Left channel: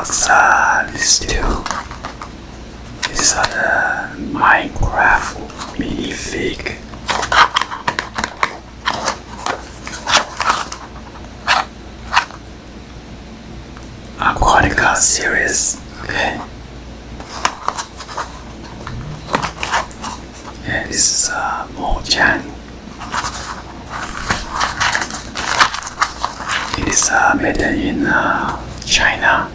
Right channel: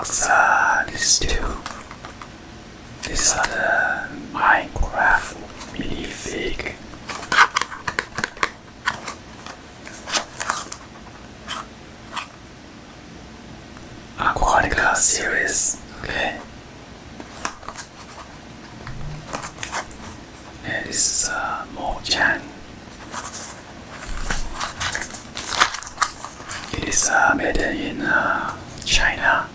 box, these two. These are the Minecraft minifig. Aquatica series, okay. And this is Mojang. It is made in China.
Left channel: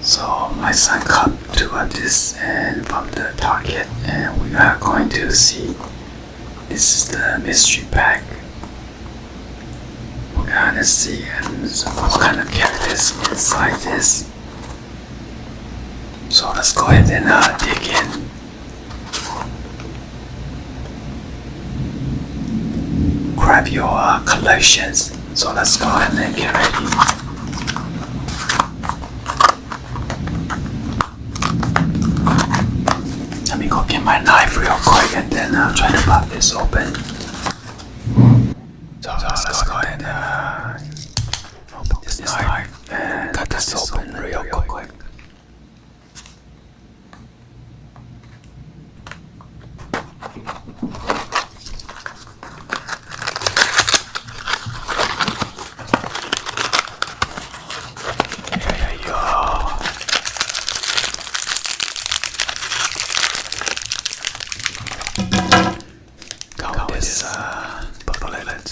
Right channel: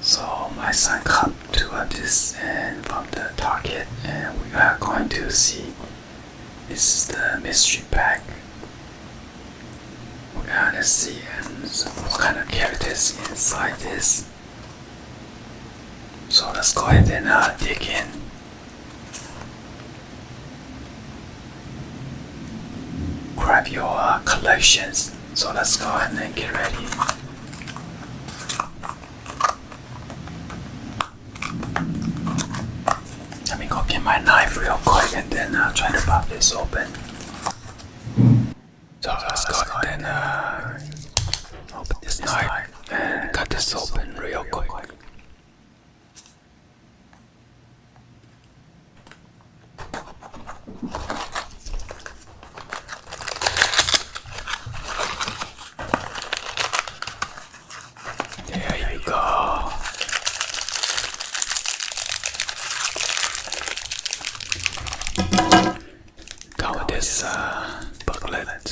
So my son got to this and from the Target, and we are going to see. This is the mystery pack. We're gonna see what kind of characters inside this. So let's go ahead and dig in. Grab your collections. So let's go ahead and get ready. Let me go get my knife real quick and then try to pop this open. So let's go ahead and open this knife and cut this open real quick. There you go. Got this booklet.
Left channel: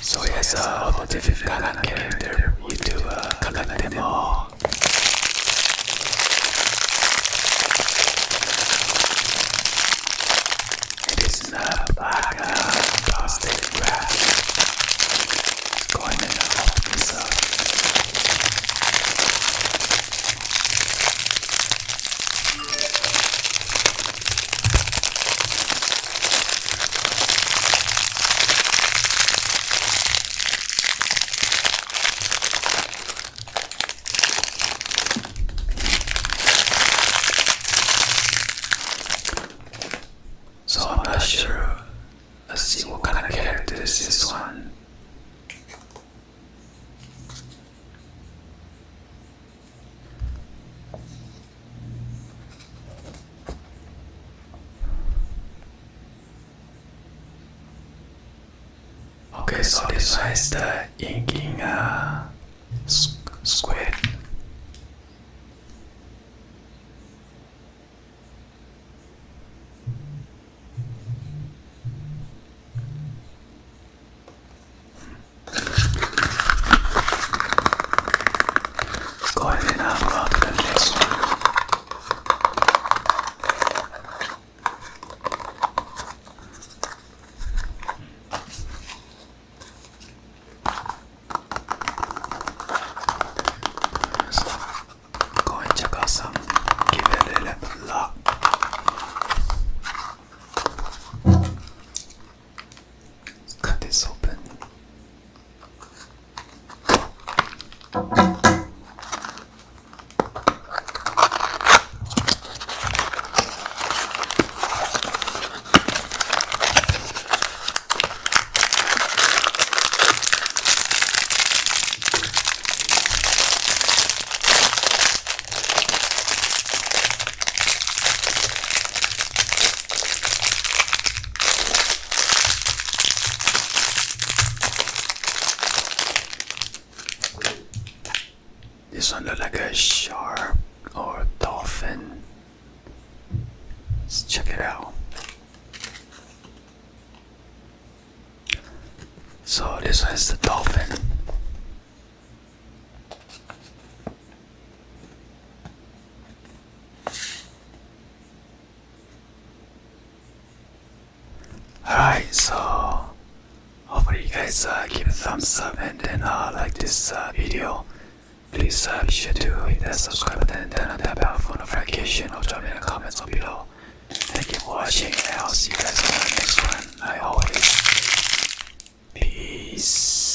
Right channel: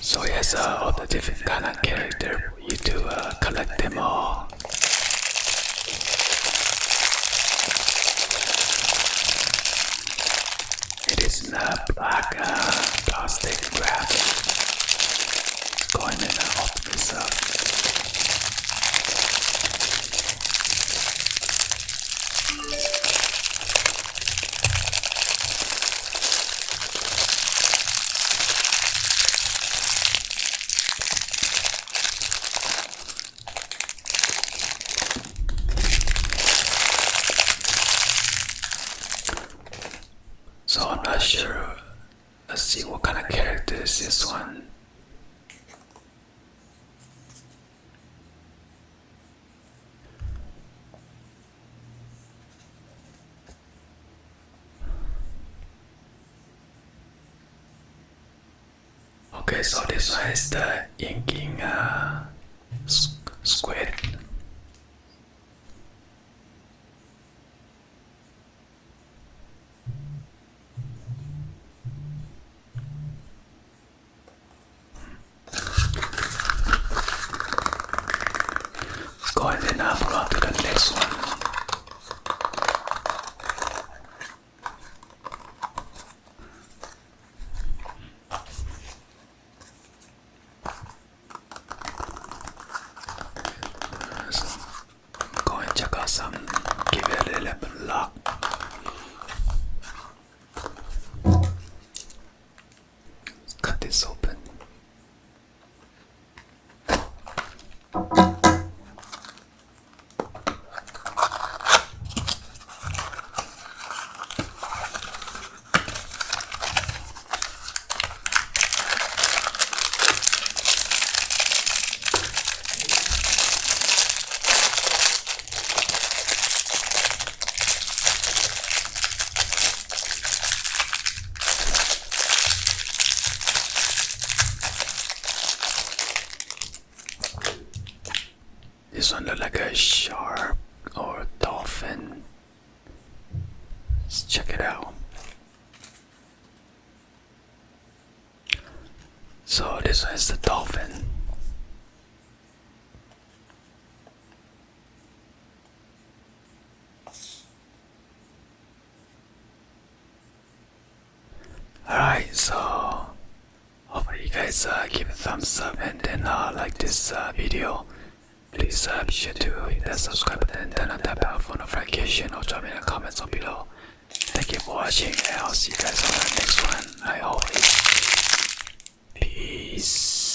So yes, all the different kind of character, you do collect them all. It is in a black plastic wrap. Let's go ahead and open this up. So I'm not sure. Let's see what kind of character is this one. Okay, so this one is the inking squid. Go ahead and move on to the next one. Go and check out some. Give it a little lock. Let's cut this open. This one looks like a shark or a dolphin. Let's check it out. So this one is the dolphin. Alright, so hopefully you guys give a thumbs up and then like this video. Please be sure to hit that subscribe button and turn on that bell for notification or drop me in the comments below. Thank you for watching and I'll see you guys on the next one. Like always, peace.